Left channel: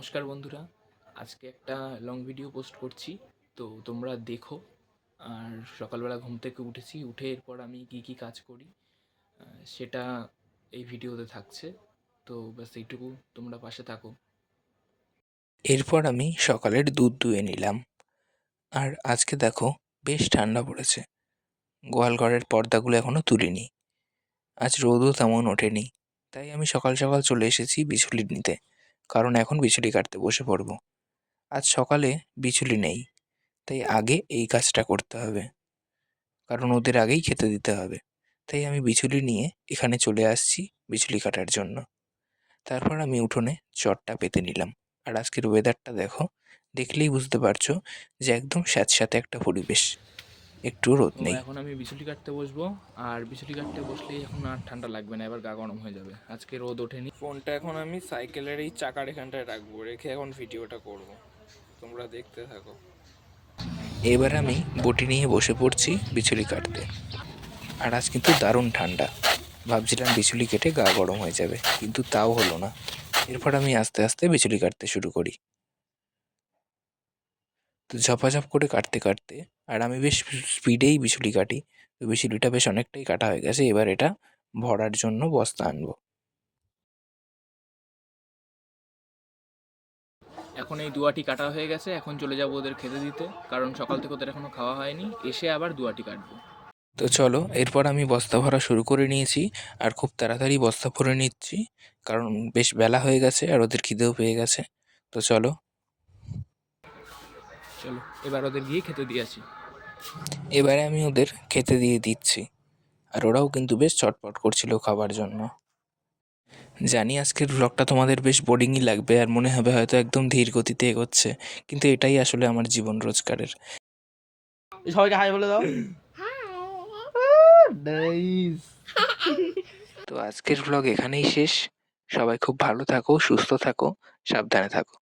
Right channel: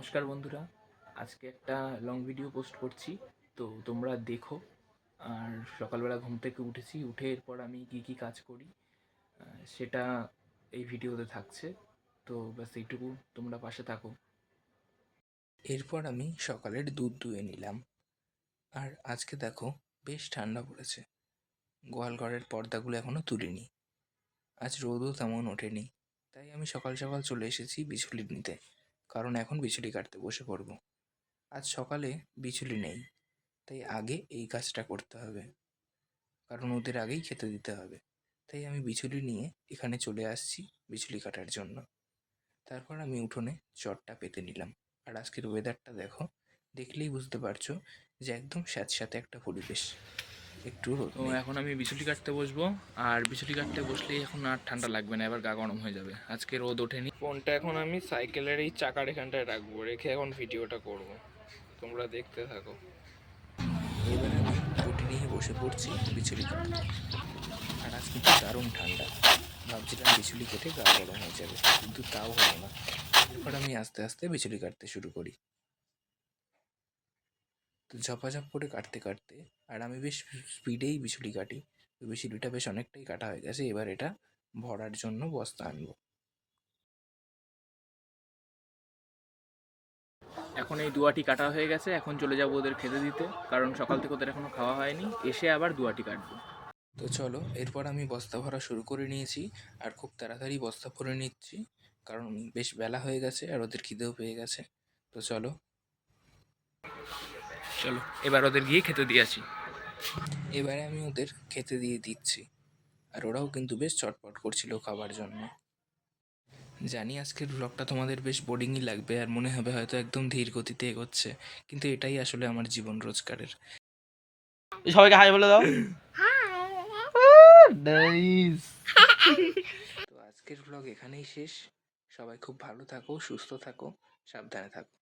নমস্কার বন্ধুরা। আজকে একটা লং ভিডিও পোস্ট করছি, তো তোমরা দেখো। আর সকালবেলা ঘুম থেকে উঠেছি, উঠে এরপর আমি কি কি কাজ করি সেটা এই ভিডিওতে থাকছে। তো ব্যাস এইটুকু তোমরা পাশে থাকো। এরপর আমি সকালের দুধ দুয়ে নিলাম। আর আজকে দেখো, বেশ ঠান্ডা পড়েছে। গোয়ালঘরের পর্দাগুলো এখনও তুলিনি। আজ রোদও তেমন ওঠেনি। তাই আমি সকাল সকাল চলে এসেছি বিচুলি নিতে। কারণ এখন বিচুলি কাটতে বসে পড়ব। আজ সকালে বিচুলি নেই, তাই আগে এই কাজটা করতে হবে। কারণ ওদের আগেই খেতে দিতে হবে। তাই আমি বিচুলি নিয়ে এখানে চলে আসছি বিচুলি কাটার জন্য। তারপর আমি উঠোনে চটটা পেতে নিলাম। আর আজকের ওয়েদারটা দেখো, দেখলেই বুঝতে পারছ যে একদম স্যাঁতস্যাঁতে একটা পরিবেশ। একটু রোদ নেই। এখন আমি বিচুলি কাটতে বসবো আর বিচুলি কাটতে বসলেই এখন আর ঠান্ডা লাগবে না এবার গা গরম হয়ে যাবে। আজকে রোদ ওঠেনি। ফোনটা এখন আমি সাইকেলের এই চাকার এখানটায় রাখব রেখে এখন ভিডিওটা করব। তোমরা দেখতে থাকো। এবার আমি বটি নিয়ে বসে পড়ছি বিচুলি কাটতে। আর আজ কিন্তু দারুণ ঠান্ডা। ভাবছিলাম বিচুলি কেটে গা গরম হয়ে যাবে কিন্তু তাও হলো না। এরপর আমি আস্তে আস্তে বিচুলি কাটতে শুরু করি। তো ঝপাঝপ করে কাটতে কাটতে আর আমি বেশ স্পিডেই বিচুলি কাটি। তো বিচুলিটা বেশ অনেকটাই কাটা হয়ে গেছে। এবার এটা ভরার জন্য বস্তা আনব। এখন এই দুয়াটি কাটা হয়ে গেছে। এখন চলে যাব ওদের খেতে দিতে। কারণ সকাল থেকে ওদের এখনও খাওয়া হয়নি। এসে আবার দুয়াটি কাটবো। তো চলো এরপর আমি বস্তা ভরা শুরু করে নিয়েছি। আর খুব তাড়াতাড়ি বস্তা ভরে নিচ্ছি। কারণ বেশ বেলা হয়ে গেছে আর ওদের খিদেও পেয়ে গেছে। তো চলো। চলো এবার ওদের গিয়ে খেতে দিয়ে আসি। এবারে আমি ওদের খেতে দিয়ে দিচ্ছি। আর ওরাও কিন্তু বেশ চটপট করছিল খাবার জন্য। জানি আজকের ব্লগটা তোমাদের বেশ বোরিংই লাগবে আর মনে হবে হয়তো একদম ধীর গতিতে এগোচ্ছে কিন্তু এটাই আসলে আমার জীবন রোজগারের। সবাইকে হাই বলে দাও। তো আজকের ব্লগ এখানেই শেষ। সবাই খুব ভালো থাকো সুস্থ থাকো সাবধানে থাকো।